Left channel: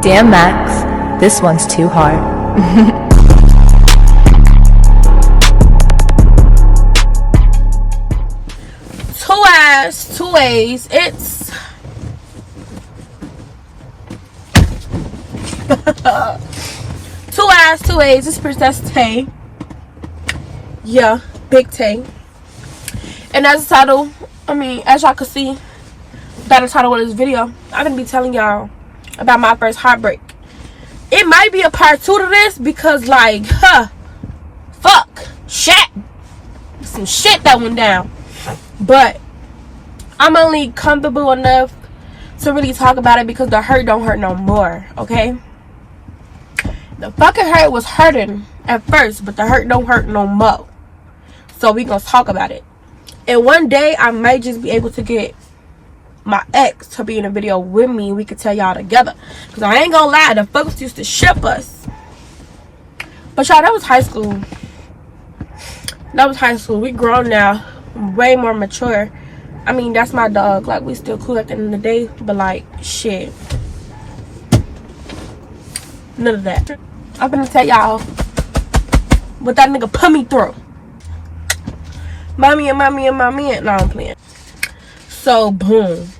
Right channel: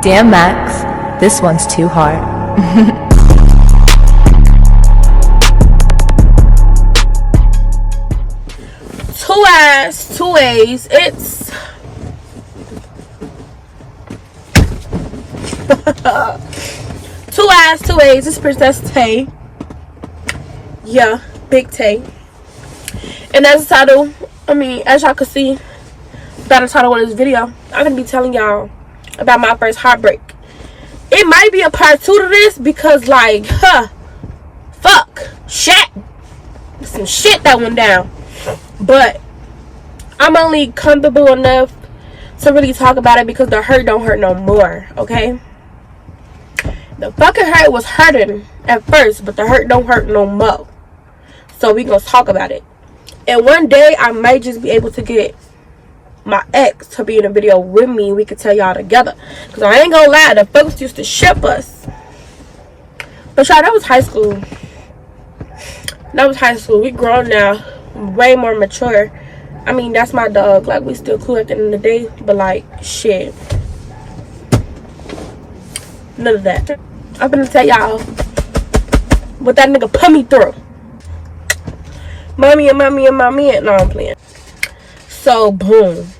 Damn, Max, this one's too hard. Two eyes, two ways. It's two eyes, two ways. It's Princess Tay. Yeah, Big Tay. And as the title, as y'all can see, by the title of this video, I'm gonna be telling y'all about my first heartbreak. It might be a part 2 to this because, like, shit, some shit that went down. But I'm only comfortable enough to really talk about it because the hurt don't hurt no more, okay? The fucking hurt was hurting at first, but the hurt don't hurt no more. So we gonna talk about it. And one day I might just be able to get my ex to be in a video with me. We could tell y'all together. Because I ain't gonna lie, the folks used to ship us. But y'all, that was high school. That was high school. We grown now. Way more mature. That's my dog. Like, we still cool at the end of the day. But, like, shit. None of that. I'm gonna tell y'all what that nigga put me through. Mommy. No, I'm playing. So, boom.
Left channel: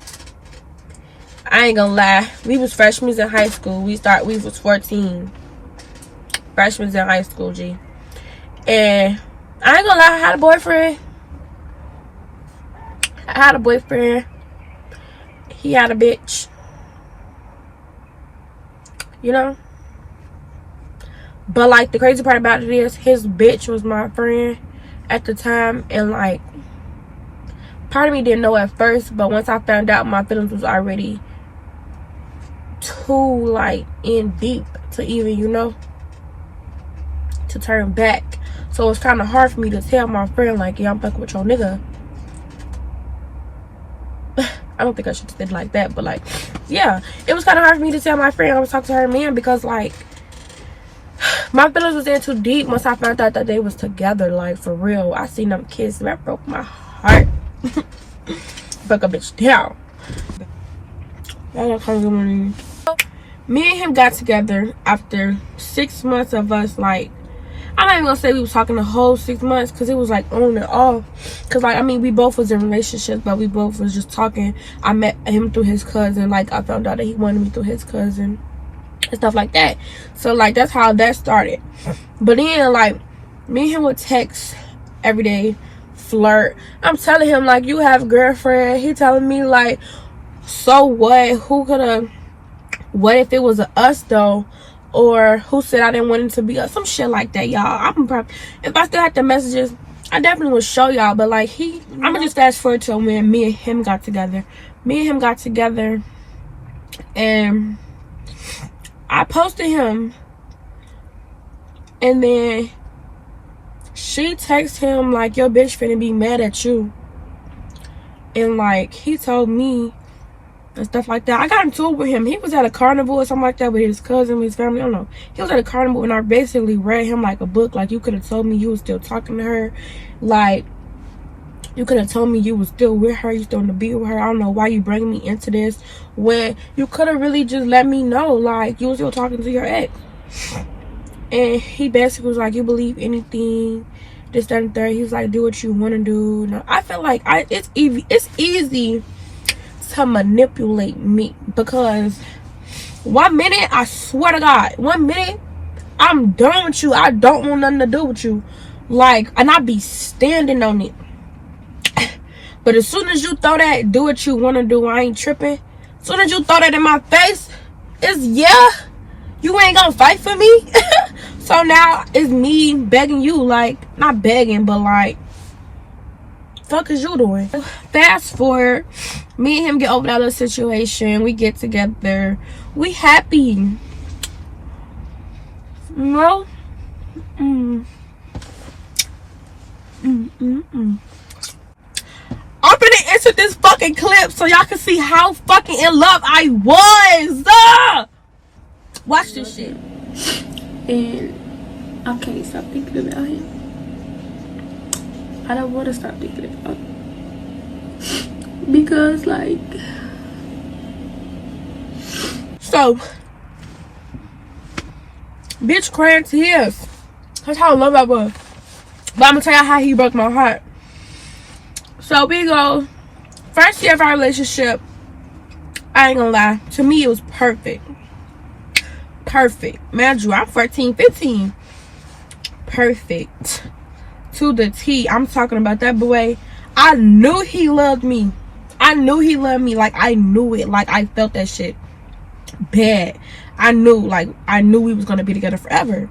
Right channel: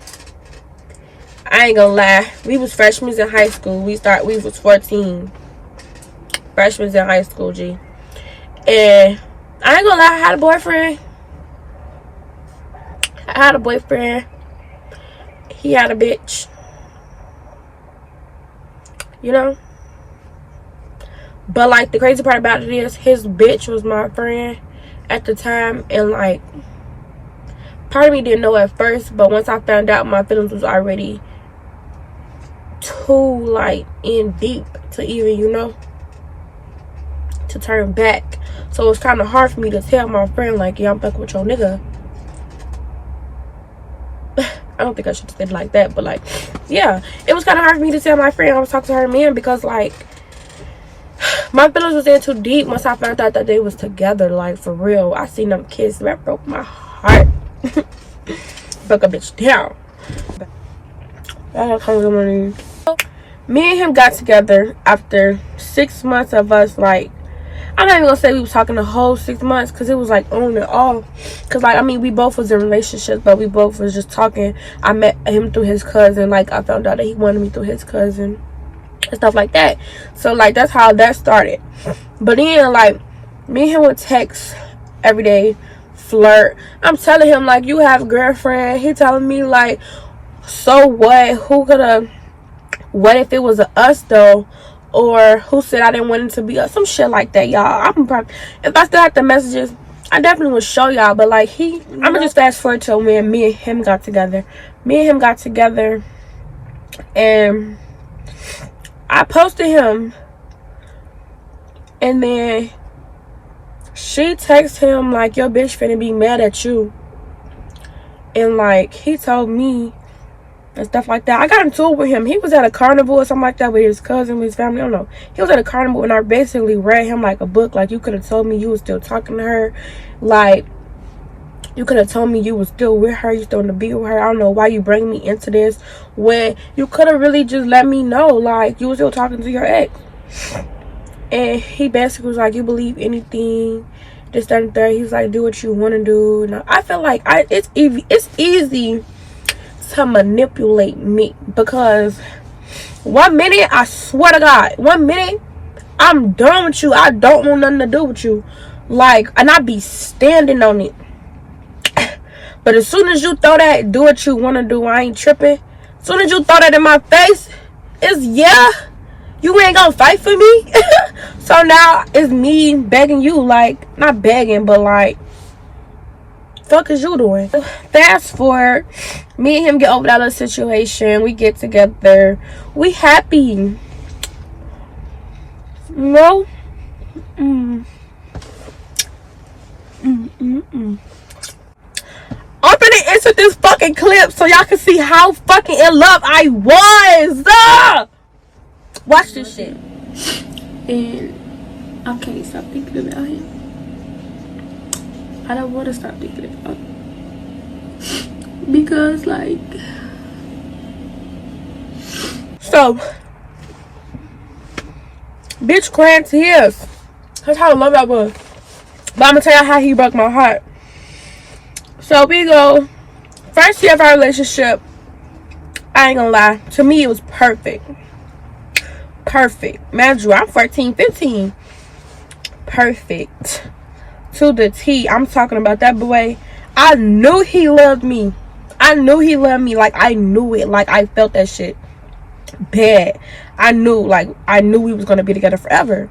I ain't gonna lie. We was freshmen in high school. We was 14. Freshmen in high school, G. And I ain't gonna lie, I had a boyfriend. He had a bitch. You know? But, like, the crazy part about it is his bitch was my friend at the time. And, like, part of me didn't know at first. But once I found out, my feelings was already too, like, in deep to even, you know, to turn back. So it was kind of hard for me to tell my friend, like, yeah, I'm fucking with your nigga. I don't think I should have said it like that, but, like, yeah, it was kind of hard for me to tell my friend I was talking to her man because, like, my feelings was in too deep once I found out that they was together. Like, for real, I seen them kiss. That broke my heart. Fuck a bitch down. Me and him got together after 6 months of us, like, I'm not even gonna say we was talking the whole 6 months because it was like on and off. Because, like, we both was in relationships, but we both was just talking. I met him through his cousin. Like, I found out that he wanted me through his cousin and stuff like that. So, like, that's how that started. But then, like, me and him would text every day, flirt. I'm telling him, like, you have a girlfriend. He telling me, like, so what? What if it was us though? Or who said I didn't want it to be us? Some shit like that, y'all. If I still have the messages, I definitely will show y'all. But, like, I'm gonna just fast forward to when me and him got together. And I posted him, and then she texted him, like, your bitch finna be mad at you. And, like, he told me and stuff like that. I got into it with him. He was at a carnival or something like that with his cousin, with his family. I don't know. He was at a carnival, and I basically read him like a book. Like, you could have told me you was still talking to her. Like, you could have told me you was still with her. You still want to be with her. I don't know why you bring me into this when you could have really just let me know, like, you was still talking to your ex. And he basically was like, you believe anything, this, that, and that. He was like, do what you want to do. Now, I feel like it's easy to manipulate me because 1 minute, I swear to God, 1 minute, I'm done with you. I don't want nothing to do with you. Like, and I be standing on it. But as soon as you throw that, do what you want to do, I ain't tripping. As soon as you throw that in my face, it's, yeah, you ain't gonna fight for me. So now it's me begging you, like, not begging, but, like, fuck is you doing? Fast forward, me and him get over that little situation. We get together. We happy. No? I'm gonna insert this fucking clip so y'all can see how fucking in love I was. Watch this shit. And I can't stop thinking about him. I don't want to stop thinking about him. Because, like, so Bitch crying tears. That's how low I was. But I'm gonna tell you how he broke my heart. So we go, first year of our relationship, I ain't gonna lie, to me it was perfect. Perfect. Man, I'm 14, 15. Perfect. To the T. I'm talking about that boy. I knew he loved me. I knew he loved me. Like, I knew it. Like, I felt that shit bad. I knew we was gonna be together forever.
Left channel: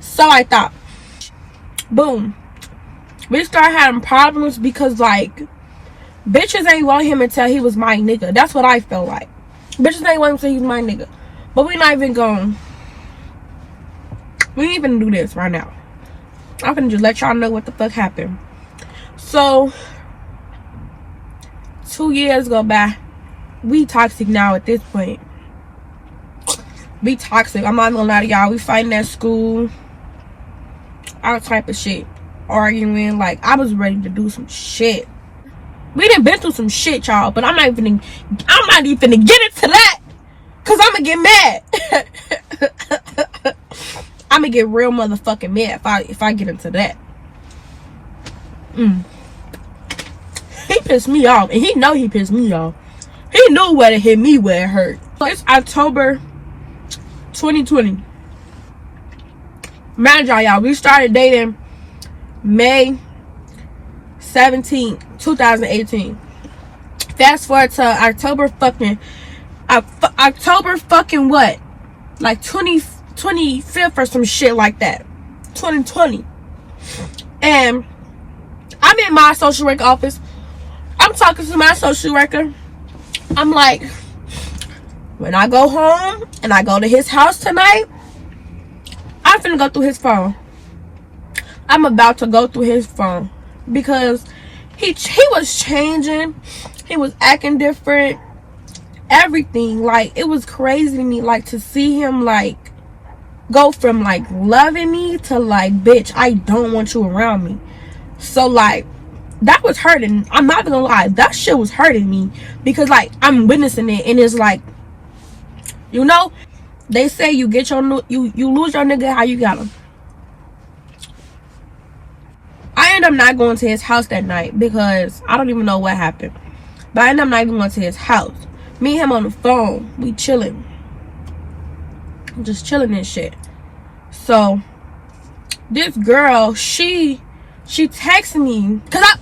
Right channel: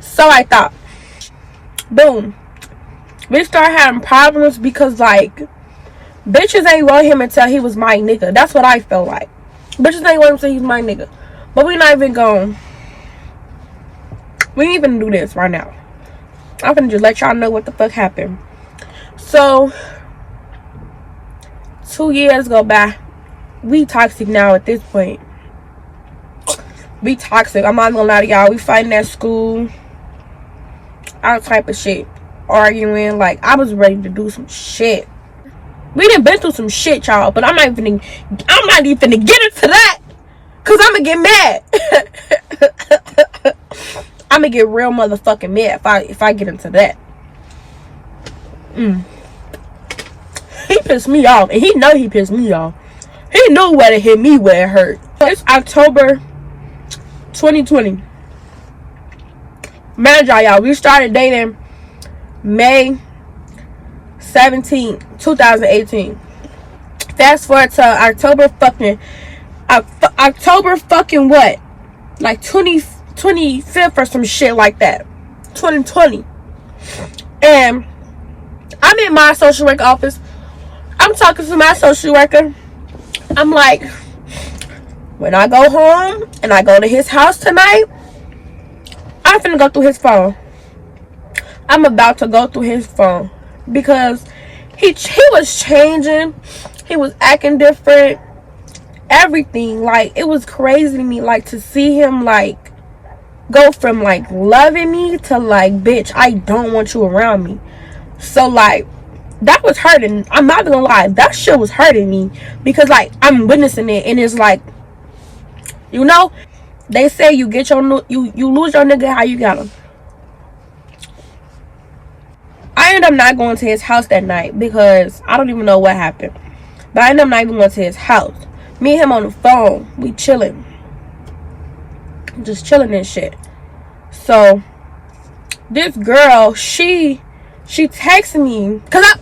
So I thought. Boom. We started having problems because, like, bitches ain't want him until he was my nigga. That's what I felt like. Bitches ain't want him until he's my nigga. But we not even going. We ain't even do this right now. I'm gonna just let y'all know what the fuck happened. So 2 years go by. We toxic now at this point. We toxic. I'm not gonna lie to y'all. We fighting at school. All type of shit. Arguing. Like, I was ready to do some shit. We done been through some shit, y'all. But I'm not even gonna get into that. Cause I'ma get mad. I'ma get real motherfucking mad if I get into that. He pissed me off. And he know he pissed me off. He knew where to hit me where it hurt. It's October 2020. Mind y'all, we started dating May 17, 2018. Fast forward to October fucking what? Like 25th or some shit like that. 2020. And I'm in my social work office. I'm talking to my social worker. I'm like, when I go home and I go to his house tonight, I'm finna go through his phone. I'm about to go through his phone because he was changing. He was acting different. Everything. Like, it was crazy to me, like, to see him, like, go from, like, loving me to, like, bitch, I don't want you around me. So, like, that was hurting. I'm not gonna lie, that shit was hurting me because, like, I'm witnessing it, and it's like, you know, they say you get your you lose your nigga how you got him. I ended up not going to his house that night because I don't even know what happened, but I ended up not even going to his house. Me and him on the phone, we chilling, just chilling and shit. So this girl, she texted me because I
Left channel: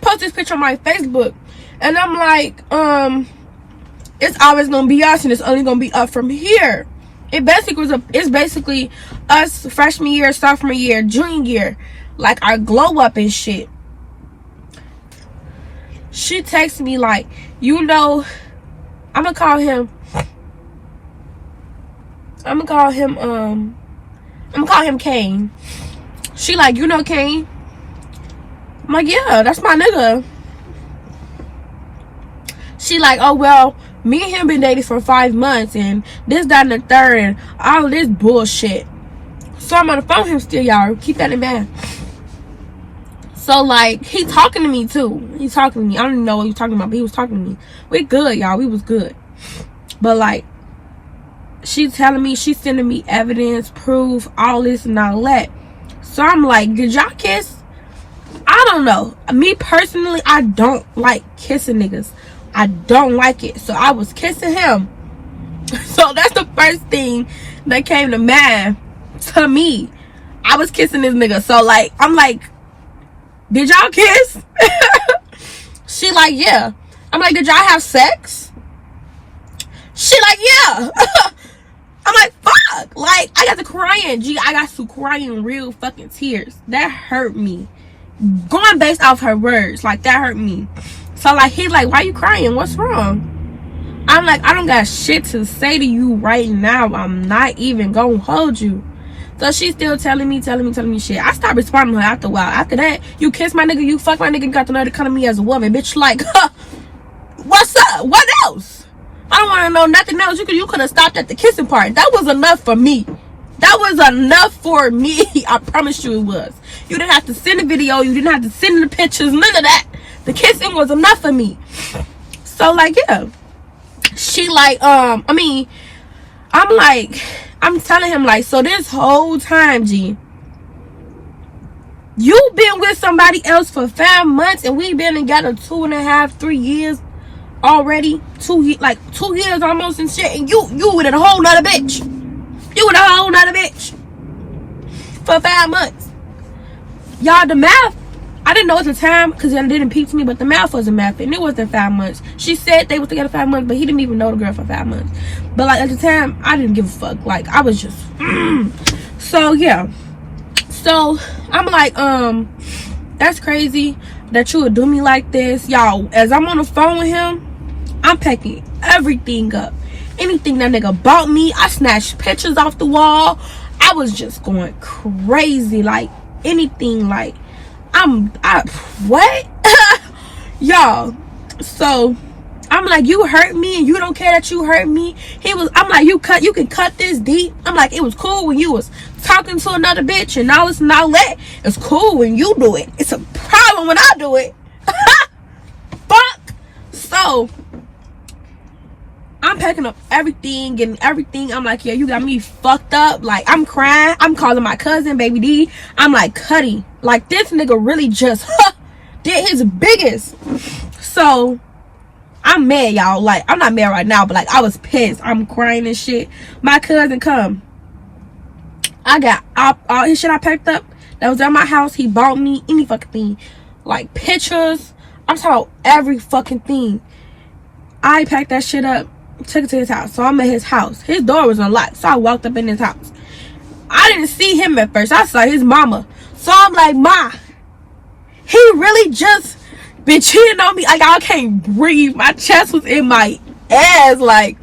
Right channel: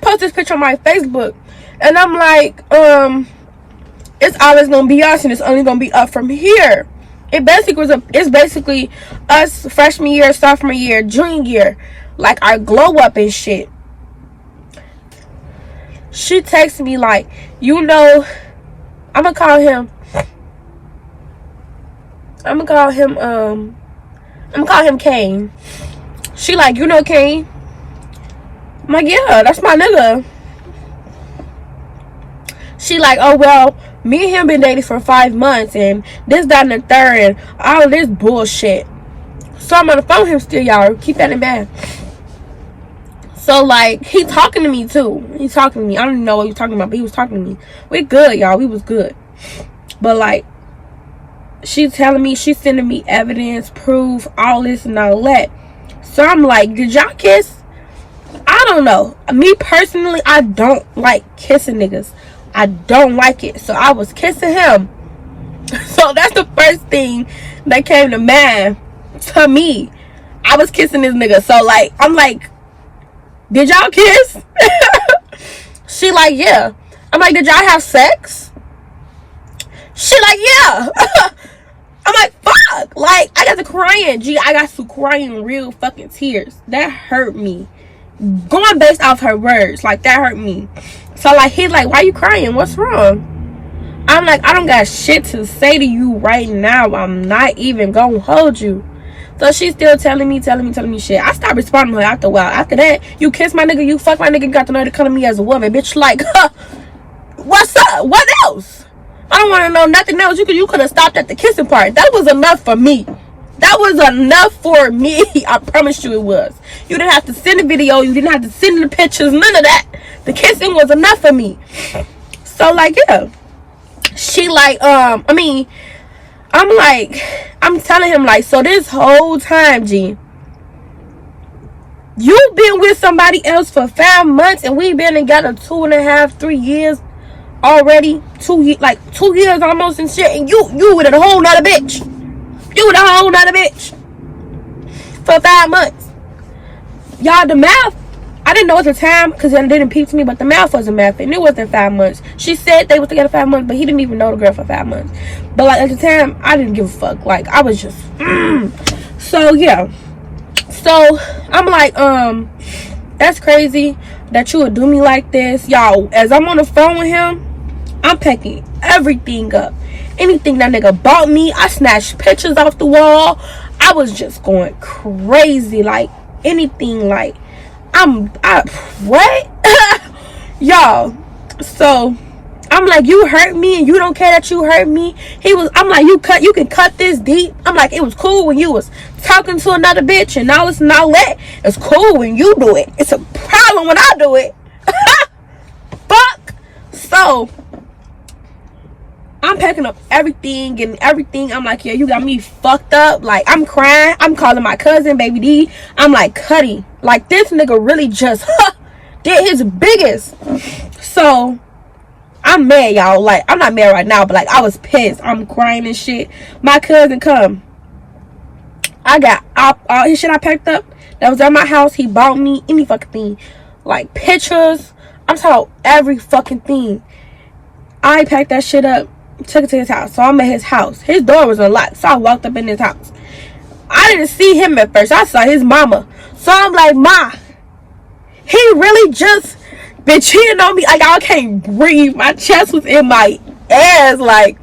post this picture on my Facebook, and I'm like, it's always gonna be us, and it's only gonna be up from here. It's basically us freshman year, sophomore year, junior year, like our glow up and shit. She texted me like, you know, I'm gonna call him Kane. She like, you know Kane? I'm like, yeah, that's my nigga. She like, oh well, me and him been dating for 5 months and this, that, and the third and all of this bullshit. So I'm on the phone with him still, y'all. Keep that in mind. So like, he talking to me too. He's talking to me. I don't even know what he was talking about, but he was talking to me. We good, y'all. We was good. But like, she's telling me, she's sending me evidence, proof, all this and all that. So I'm like, did y'all kiss? I don't know. Me personally, I don't like kissing niggas. I don't like it. So I was kissing him. So that's the first thing that came to mind to me. I was kissing this nigga. So like, I'm like, did y'all kiss? She like, yeah. I'm like, did y'all have sex? She like, yeah. I'm like, fuck. Like, I got to crying. Gee, I got to crying real fucking tears. That hurt me. Going based off her words, like, that hurt me. So like, he's like, why you crying? What's wrong? I'm like, I don't got shit to say to you right now. I'm not even gonna hold you. So she's still telling me shit. I stopped responding to her after a while. After that, you kiss my nigga, you fuck my nigga, you got the nerve to come to me as a woman. Bitch, like, huh, what's up? What else? I don't want to know nothing else. You could have stopped at the kissing part. That was enough for me. That was enough for me. I promise you it was. You didn't have to send a video. You didn't have to send the pictures. None of that. The kissing was enough for me. So like, yeah. she like, I'm telling him, like, so this whole time, G, you been with somebody else for 5 months, and we been together 2.5, 3 years already. 2 years almost and shit, and you with a whole nother bitch. You with a whole nother bitch for 5 months. Y'all, the math, I didn't know at the time because it didn't peep to me, but the math wasn't math, and it wasn't 5 months. She said they was together 5 months, but he didn't even know the girl for 5 months. But like at the time, I didn't give a fuck. Like, I was just so yeah. So I'm like, that's crazy that you would do me like this. Y'all, as I'm on the phone with him, I'm packing everything up. Anything that nigga bought me, I snatched pictures off the wall. I was just going crazy. Like, anything, like, what? Y'all, so I'm like, you hurt me and you don't care that you hurt me. I'm like, you can cut this deep. I'm like, it was cool when you was talking to another bitch, and now it's not lit. It's cool when you do it. It's a problem when I do it. Fuck. So I'm packing up everything, getting everything. I'm like, yeah, you got me fucked up. Like, I'm crying. I'm calling my cousin, Baby D. I'm like, Cuddy, like, this nigga really just did his biggest. So I'm mad, y'all. Like, I'm not mad right now, but like, I was pissed. I'm crying and shit. My cousin come. I got all his shit I packed up that was at my house. He bought me any fucking thing. Like, pictures. I'm talking every fucking thing. I packed that shit up, took it to his house. So I'm at his house. His door was unlocked, so I walked up in his house. I didn't see him at first. I saw his mama. So I'm like, Ma, he really just been cheating on me. Like, I can't breathe. My chest was in my ass. Like,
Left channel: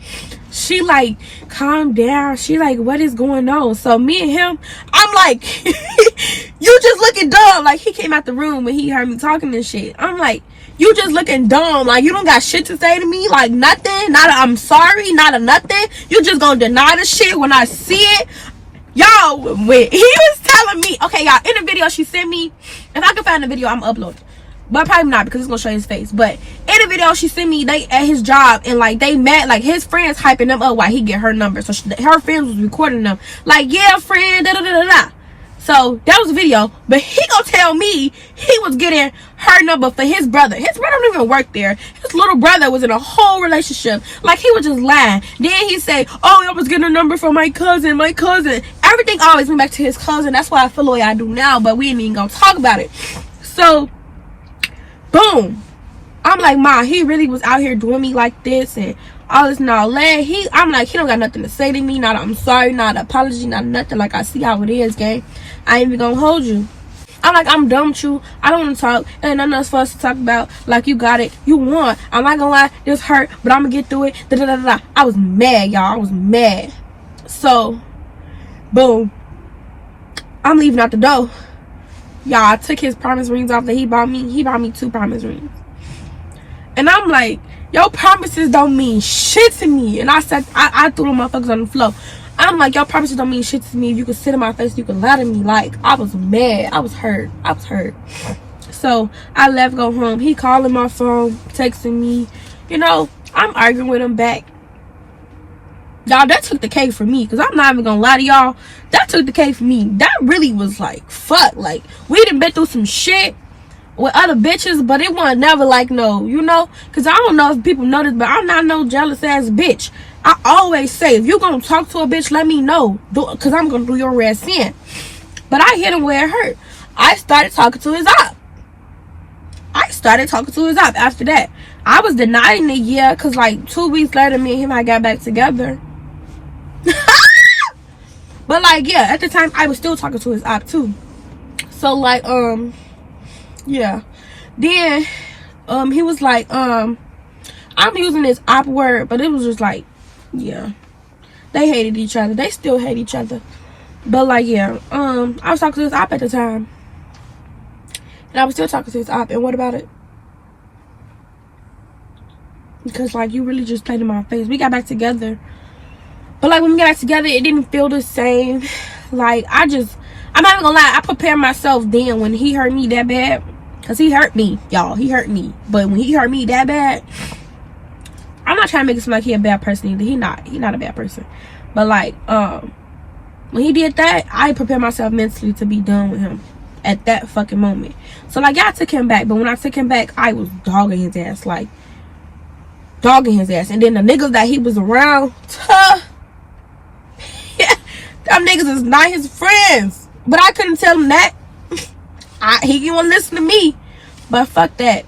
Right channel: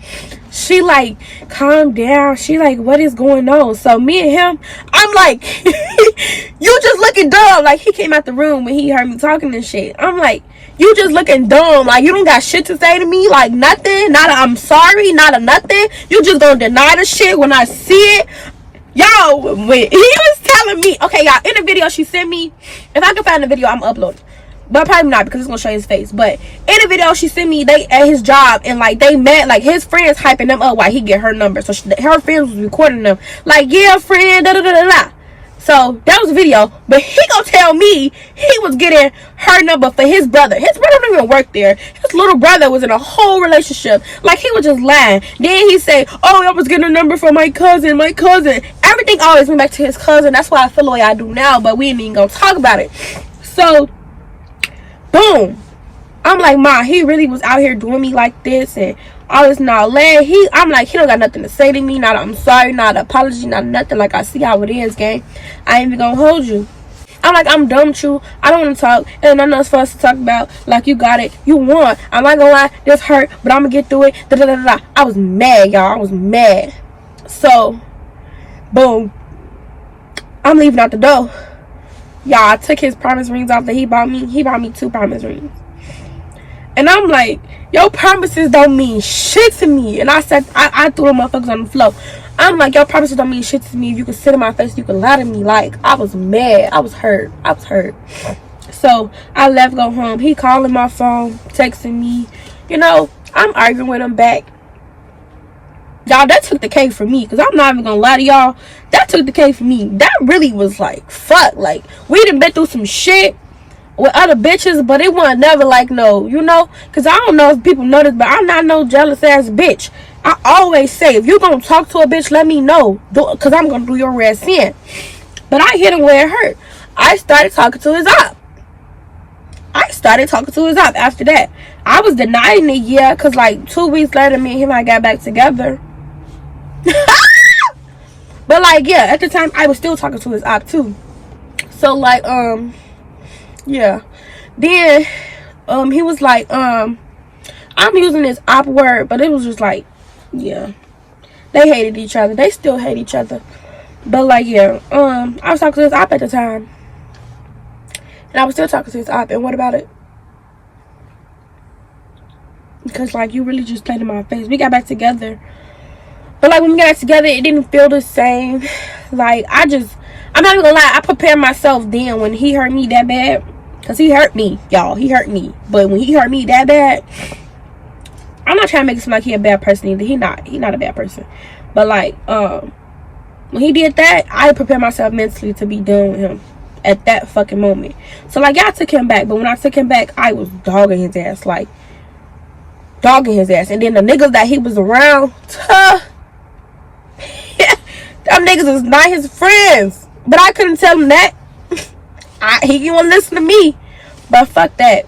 she like, calm down. She like, what is going on? So me and him, I'm like, you just looking dumb. Like, he came out the room when he heard me talking and shit. I'm like, you just looking dumb. Like, you don't got shit to say to me. Like, nothing. Not a I'm sorry. Not a nothing. You just gonna deny the shit when I see it. Y'all, when he was telling me, okay, y'all, in the video she sent me, if I can find the video, I'm uploading. But probably not, because it's gonna show his face. But in the video she sent me, they at his job, and like, they met, like, his friends hyping them up while he get her number. So her friends was recording them, like, yeah, friend, da da da da da. So that was a video, but he gonna tell me he was getting her number for his brother. His brother don't even work there. His little brother was in a whole relationship. Like, he was just lying. Then he say, oh, I was getting a number for my cousin. Everything always went back to his cousin. That's why I feel the way I do now, but we ain't even gonna talk about it. So boom, I'm like, Ma, he really was out here doing me like this and all this and all that. I'm like, he don't got nothing to say to me. Not I'm sorry, not an apology, not nothing. Like, I see how it is, gang. I ain't even gonna hold you. I'm like, I'm done with you. I don't want to talk. And nothing else for us to talk about. Like, you got it. You won. I'm not gonna lie. This hurt, but I'm gonna get through it. Da, da, da, da. I was mad, y'all. I was mad. So, boom. I'm leaving out the door. Y'all, I took his promise rings off that he bought me. He bought me 2 promise rings. And I'm like, your promises don't mean shit to me. And I said, I threw them motherfuckers on the floor. I'm like, your promises don't mean shit to me. If you could sit in my face, you could lie to me. Like, I was mad. I was hurt. So I left, go home. He calling my phone, texting me. You know, I'm arguing with him back. Y'all, that took the cake for me, because I'm not even gonna lie to y'all. That took the cake for me. That really was like, fuck. Like, we done been through some shit with other bitches, but it wasn't never like, no, you know, because I don't know if people know this, but I'm not no jealous ass bitch. I always say, if you gonna talk to a bitch, let me know, because I'm gonna do your ass in. But I hit him where it hurt. I started talking to his op. After that. I was denying it, yeah, because like 2 weeks later, me and him, I got back together. But like, yeah, at the time, I was still talking to his op too. So like, yeah. Then he was like, I'm using this op word, but it was just like, yeah, they hated each other. They still hate each other. But like, yeah, I was talking to his op at the time, and I was still talking to his op. And what about it? Because like, you really just played in my face. We got back together, but like, when we got back together, it didn't feel the same. Like, I'm not even gonna lie, I prepared myself then when he hurt me that bad. Because he hurt me, y'all. He hurt me. But when he hurt me that bad, I'm not trying to make it seem like he a bad person either. He not a bad person. But like, when he did that, I prepared myself mentally to be done with him at that fucking moment. So like, y'all took him back, but when I took him back, I was dogging his ass, like dogging his ass. And then the niggas that he was around, them niggas is not his friends. But I couldn't tell him that. He didn't want to listen to me. But fuck that.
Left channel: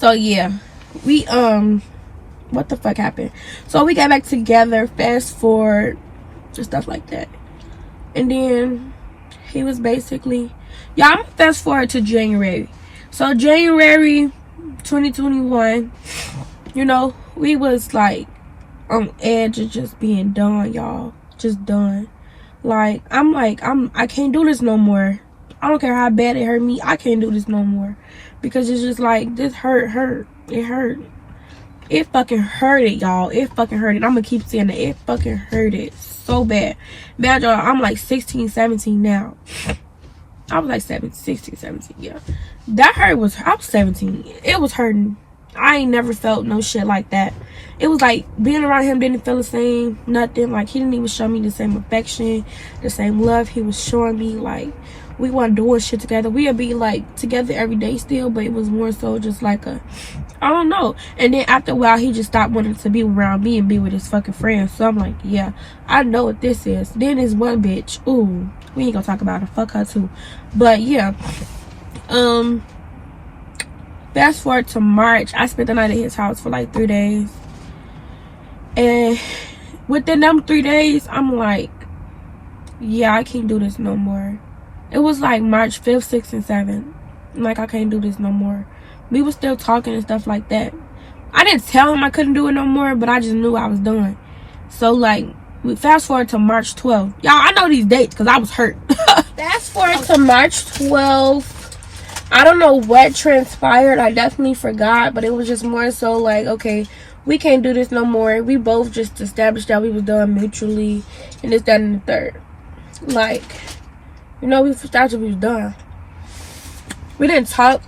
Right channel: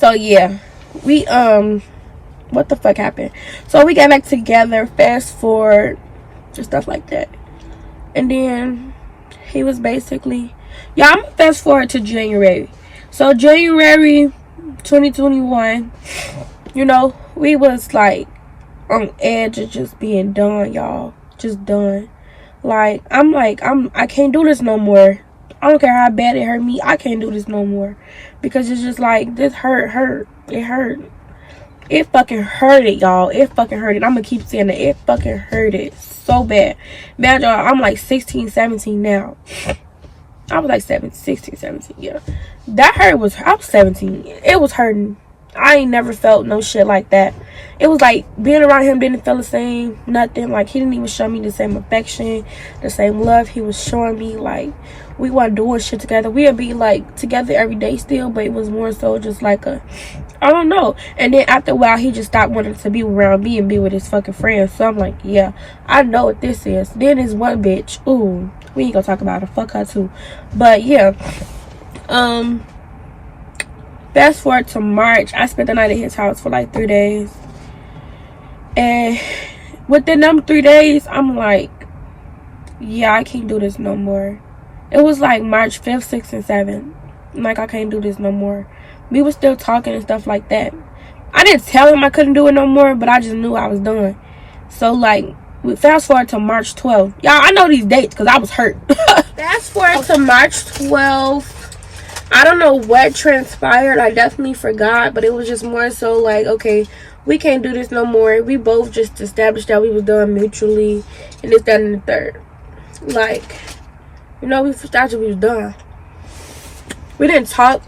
So yeah, we what the fuck happened? So we got back together, fast forward and stuff like that. And then he was basically, yeah, I'm gonna fast forward to January. So January 2021, you know, we was like on edge of just being done, y'all. Just done. Like, I can't do this no more. I don't care how bad it hurt me. I can't do this no more. Because it's just like, this hurt. It hurt. It fucking hurt it, y'all. It fucking hurt it. I'm gonna keep saying that. It fucking hurt it so bad. Man, y'all, I'm like 16, 17 now. I was like 16, 17, yeah. That hurt was, I was 17. It was hurting. I ain't never felt no shit like that. It was like being around him didn't feel the same, nothing. Like, he didn't even show me the same affection, the same love he was showing me. Like, we weren't doing shit together. We'd be like together every day still, but it was more so just like a, I don't know. And then after a while, he just stopped wanting to be around me and be with his fucking friends. So I'm like, yeah, I know what this is. Then there's one bitch, ooh, we ain't gonna talk about her, fuck her too. But yeah, fast forward to March, I spent the night at his house for like 3 days. And within them 3 days, I'm like, yeah, I can't do this no more. It was like March 5th, 6th, and 7th. I'm like, I can't do this no more. We were still talking and stuff like that. I didn't tell him I couldn't do it no more, but I just knew I was done. So like, we fast forward to March 12th. Y'all, I know these dates because I was hurt. Fast forward to March 12th. I don't know what transpired. I definitely forgot, but it was just more so like, okay, we can't do this no more. We both just established that we was done mutually, and this, that, and the third. Like, you know, we established we was done. We didn't talk,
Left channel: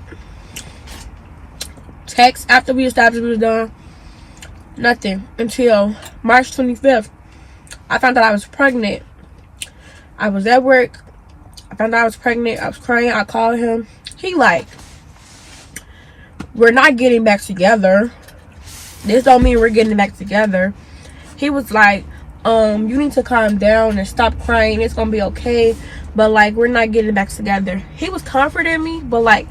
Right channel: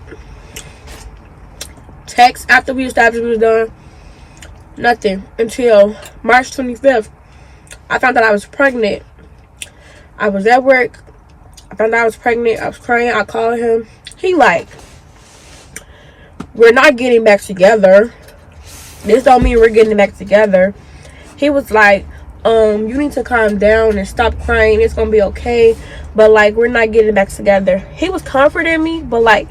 text after we established we was done. Nothing until March 25th. I found out I was pregnant. I was at work. I found out I was pregnant. I was crying. I called him. He like, we're not getting back together. This don't mean we're getting back together. He was like, you need to calm down and stop crying. It's gonna be okay. But like, we're not getting back together. He was comforting me, but like,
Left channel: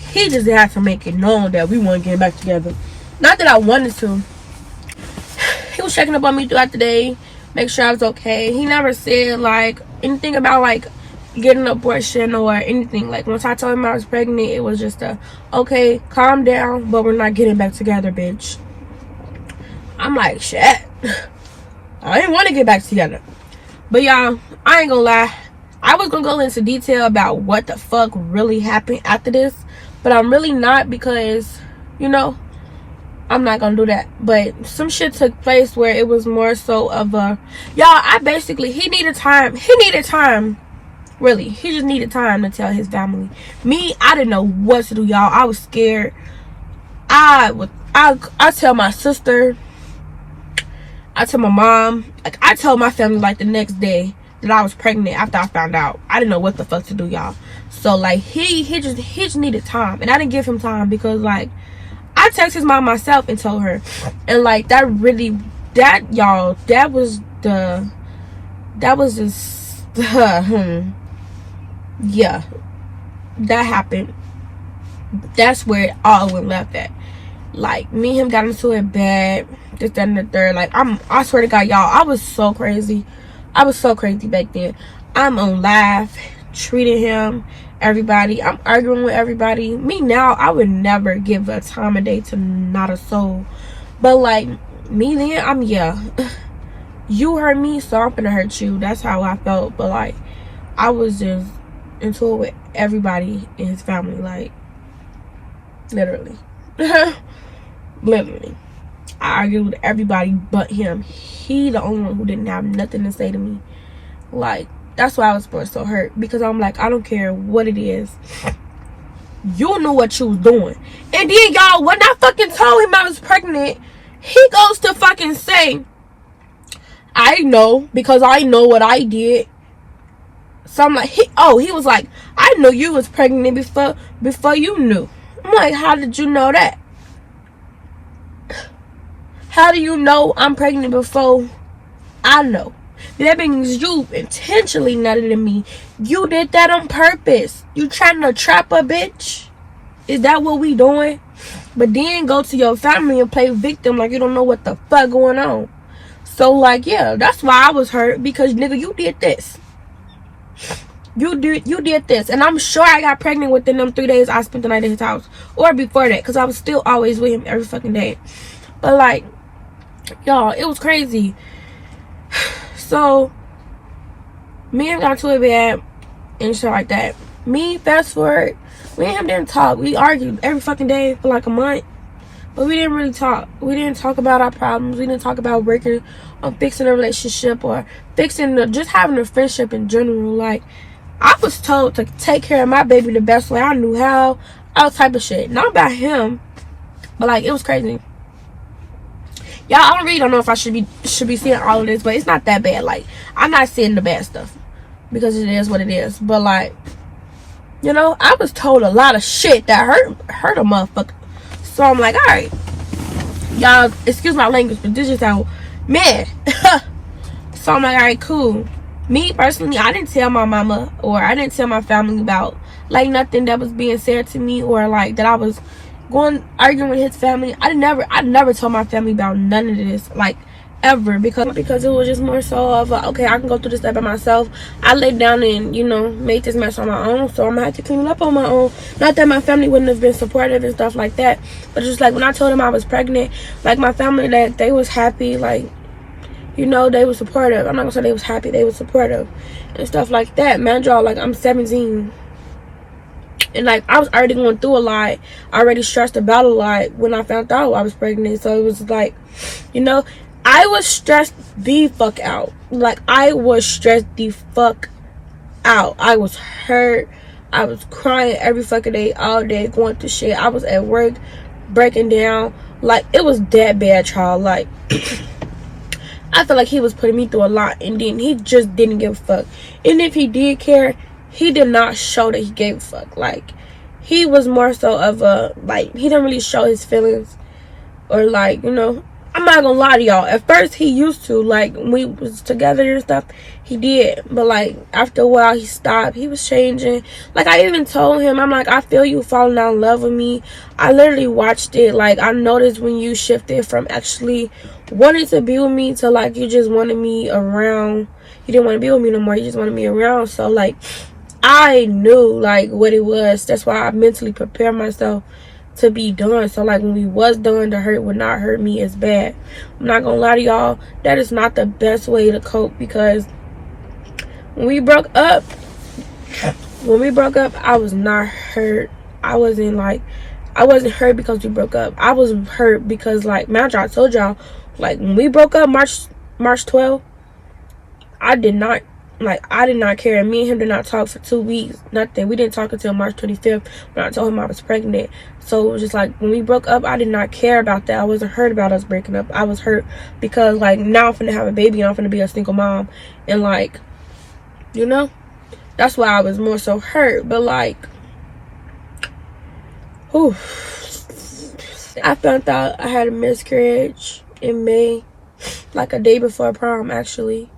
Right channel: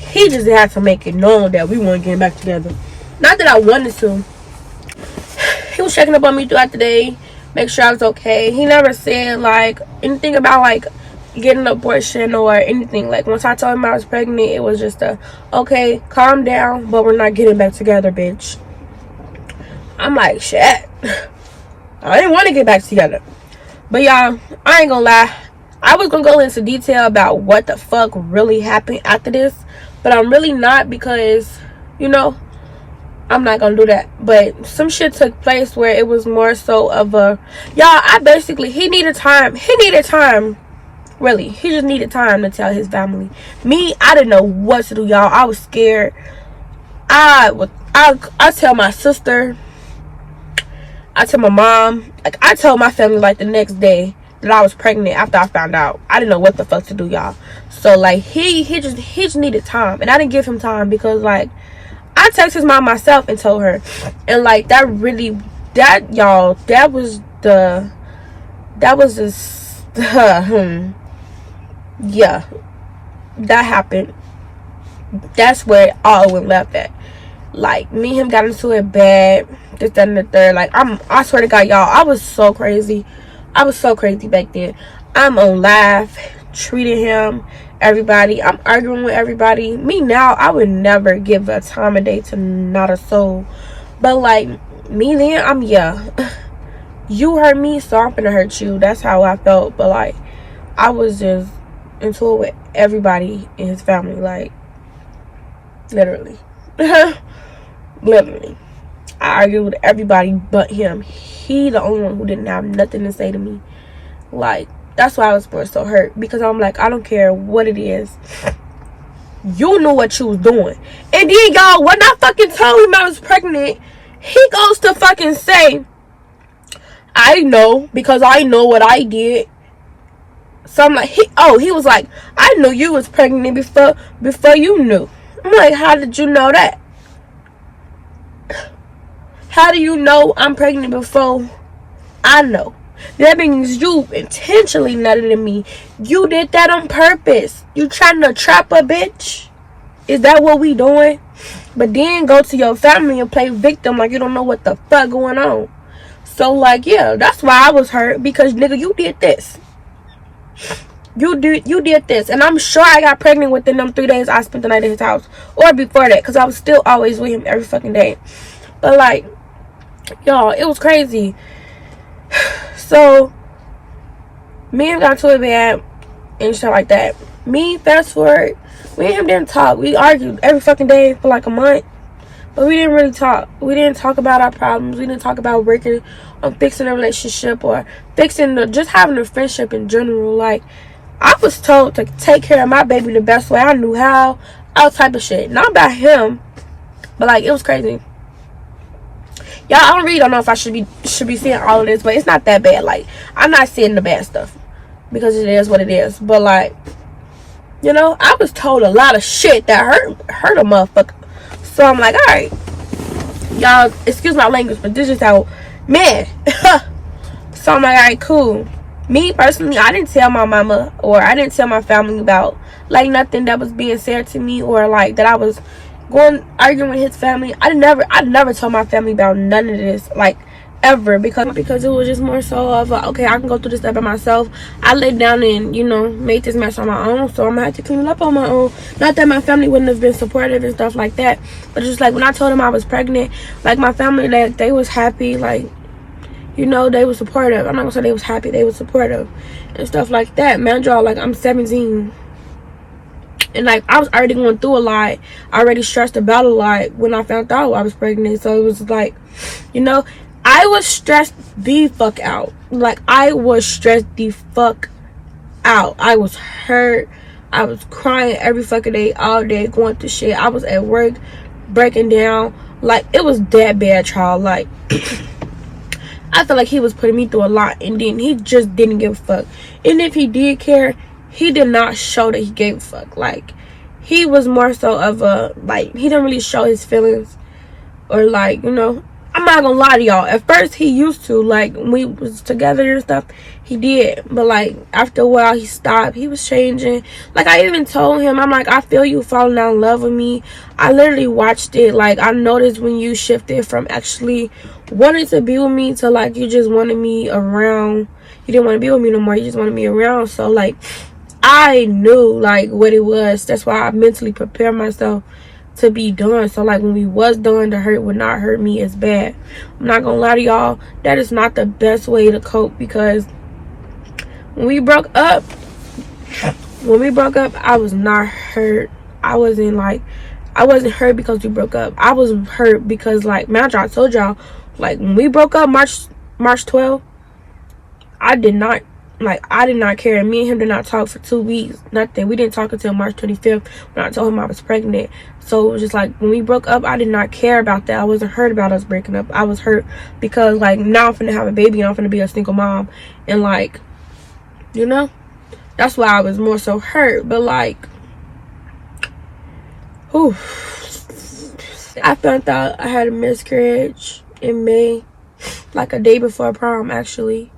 he just had to make it known that we weren't getting back together. Not that I wanted to. He was checking up on me throughout the day, make sure I was okay. He never said like anything about like getting an abortion or anything. Like, once I told him I was pregnant, it was just a, okay, calm down, but we're not getting back together, bitch. I'm like, shit, I didn't want to get back together. But y'all, I ain't gonna lie, I was gonna go into detail about what the fuck really happened after this, but I'm really not, because, you know, I'm not gonna do that. But some shit took place where it was more so of a, y'all, he needed time. Really, he just needed time to tell his family. Me, I didn't know what to do, y'all. I was scared. I tell my sister, I tell my mom, like, I told my family like the next day that I was pregnant after I found out. I didn't know what the fuck to do, y'all. So like, he just needed time, and I didn't give him time, because like, I texted his mom myself and told her, and like, that yeah, that happened. That's where it all went left at. Like, me and him got into it bad, this, that, and the third. Like, I swear to God, y'all, I was so crazy. I was so crazy back then. I'm on live, treating him, everybody. I'm arguing with everybody. Me now, I would never give a time of day to not a soul. But like, me then, yeah. You hurt me, so I'm gonna hurt you. That's how I felt. But like, I was just into it with everybody in his family. Like, literally. Literally. I argued with everybody but him. He the only one who didn't have nothing to say to me. Like, that's why I was so hurt, because I'm like, I don't care what it is. You knew what you was doing. And then, y'all, when I fucking told him I was pregnant, he goes to fucking say, I know, because I know what I did. So I'm like, he was like, I knew you was pregnant before you knew. I'm like, how did you know that? How do you know I'm pregnant before I know? That means you intentionally nutted in me. You did that on purpose. You trying to trap a bitch? Is that what we doing? But then go to your family and play victim like you don't know what the fuck going on. So like, yeah, that's why I was hurt, because nigga, you did this. You did this. And I'm sure I got pregnant within them 3 days I spent the night at his house. Or before that, because I was still always with him every fucking day. But like, y'all, it was crazy. So me and him got to it bad and shit like that. Me, fast forward, we and him didn't talk. We argued every fucking day for like a month. But we didn't really talk. We didn't talk about our problems. We didn't talk about working on fixing a relationship or just having a friendship in general. Like, I was told to take care of my baby the best way I knew how. All type of shit. Not about him, but like, it was crazy. Y'all, I really don't know if I should be seeing all of this, but it's not that bad. Like, I'm not seeing the bad stuff because it is what it is. But like, you know, I was told a lot of shit that hurt a motherfucker. So I'm like, all right, y'all, excuse my language, but this is how, man. So I'm like, all right, cool. Me personally, I didn't tell my mama or I didn't tell my family about like nothing that was being said to me or like that I was arguing with his family. I never told my family about none of this, like, ever, because it was just more so of okay, I can go through this stuff by myself. I laid down and, you know, made this mess on my own, so I'm gonna have to clean it up on my own. Not that my family wouldn't have been supportive and stuff like that, but just like when I told them I was pregnant, like my family, that they was happy, like, you know, they were supportive. I'm not gonna say they was happy, they was supportive and stuff like that. Man, y'all, like, I'm 17. And like, I was already going through a lot. I already stressed about a lot when I found out I was pregnant. So it was like, you know, I was stressed the fuck out. Like, I was stressed the fuck out. I was hurt. I was crying every fucking day, all day, going through shit. I was at work, breaking down. Like, it was that bad, child. Like, I feel like he was putting me through a lot. And then he just didn't give a fuck. And if he did care, he did not show that he gave a fuck. Like, he was more so of a, like, he didn't really show his feelings. Or, like, you know, I'm not gonna lie to y'all. At first, he used to. Like, when we was together and stuff, he did. But, like, after a while, he stopped. He was changing. Like, I even told him, I'm like, I feel you falling out in love with me. I literally watched it. Like, I noticed when you shifted from actually wanting to be with me to, like, you just wanted me around. You didn't want to be with me no more. You just wanted me around. So, like, I knew, like, what it was. That's why I mentally prepared myself to be done. So, like, when we was done, the hurt would not hurt me as bad. I'm not gonna lie to y'all. That is not the best way to cope, because when we broke up, I was not hurt. I wasn't hurt because we broke up. I was hurt because, like, man, I told y'all, like, when we broke up March 12th, I did not care. Me and him did not talk for 2 weeks. Nothing. We didn't talk until March 25th when I told him I was pregnant. So it was just like, when we broke up, I did not care about that. I wasn't hurt about us breaking up. I was hurt because, like, now I'm finna have a baby and I'm finna be a single mom. And, like, you know, that's why I was more so hurt. But, like, whew. I found out I had a miscarriage in May, like a day before prom, actually.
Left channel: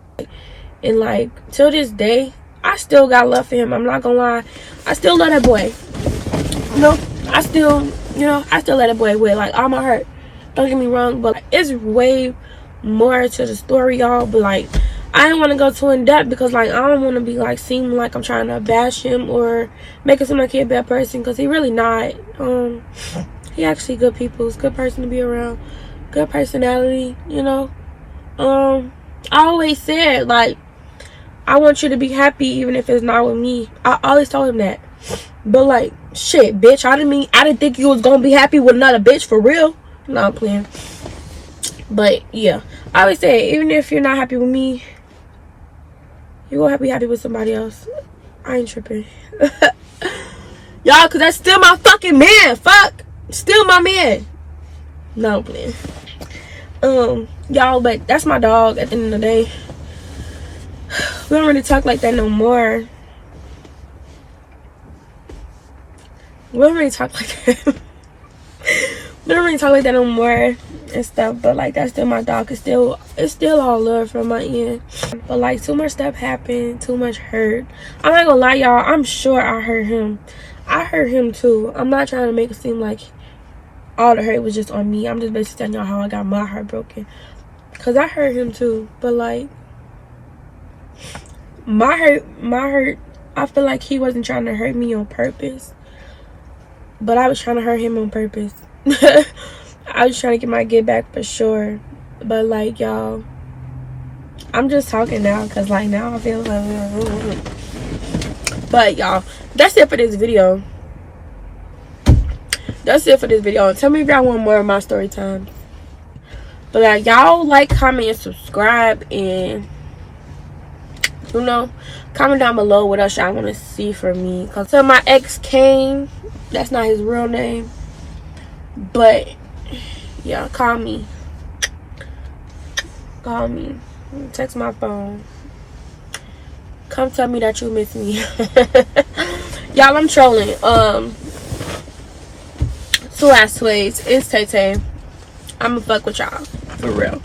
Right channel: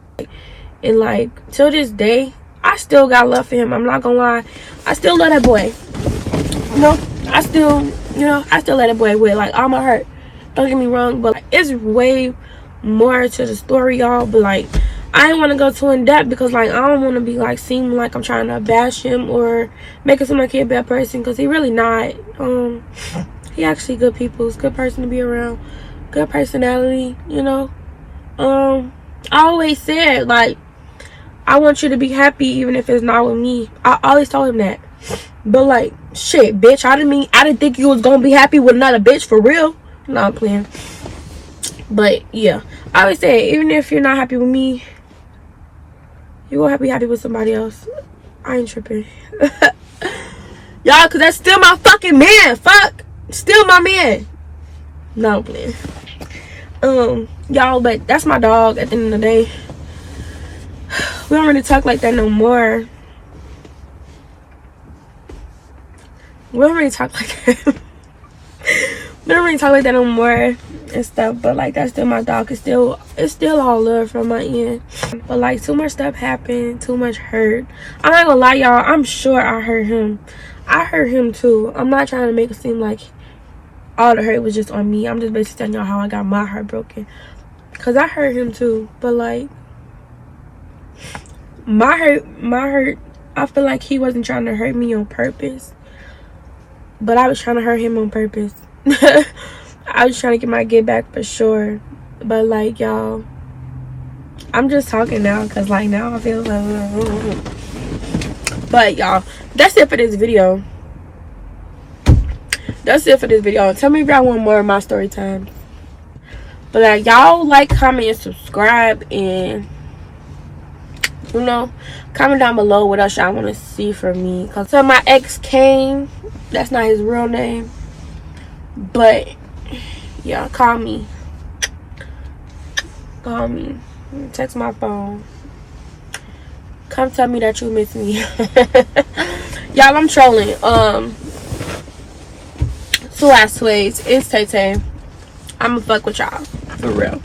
And, like, till this day, I still got love for him. I'm not gonna lie. I still love that boy. You know, I still love that boy with, like, all my heart. Don't get me wrong, but, like, it's way more to the story, y'all. But, like, I didn't want to go too in depth because, like, I don't want to be, like, seeming like I'm trying to bash him or make it seem like he's a bad person, because he really not. He actually good people. He's a good person to be around. Good personality, you know. I always said, like, I want you to be happy even if it's not with me. I always told him that. But, like, shit, bitch, I didn't think you was gonna be happy with another bitch for real. No, I'm playing. But, yeah, I always say, even if you're not happy with me, you're gonna be happy with somebody else. I ain't tripping. Y'all, because that's still my fucking man. Fuck. Still my man. No, please. Y'all, but that's my dog at the end of the day. We don't really talk like that no more. We don't really talk like that. We don't really talk like that no more and stuff. But like, that's still my dog. It's still all love from my end. But like, too much stuff happened. Too much hurt. I'm not gonna lie, y'all. I'm sure I hurt him. I hurt him too. I'm not trying to make it seem like all the hurt was just on me. I'm just basically telling y'all how I got my heart broken. Cause I hurt him too. But like, my hurt, I feel like he wasn't trying to hurt me on purpose. But I was trying to hurt him on purpose. I was trying to get my get back for sure. But like, y'all, I'm just talking now because like now I feel like, but y'all, that's it for this video. That's it for this video. Tell me if y'all want more of my story time. But like, y'all like, comment, and subscribe, and you know, comment down below what else y'all want to see from me. Cause so my ex came. That's not his real name. But yeah, call me. Call me. Text my phone. Come tell me that you miss me. Y'all, I'm trolling. Two last ways. It's Tay. I'ma fuck with y'all. For real.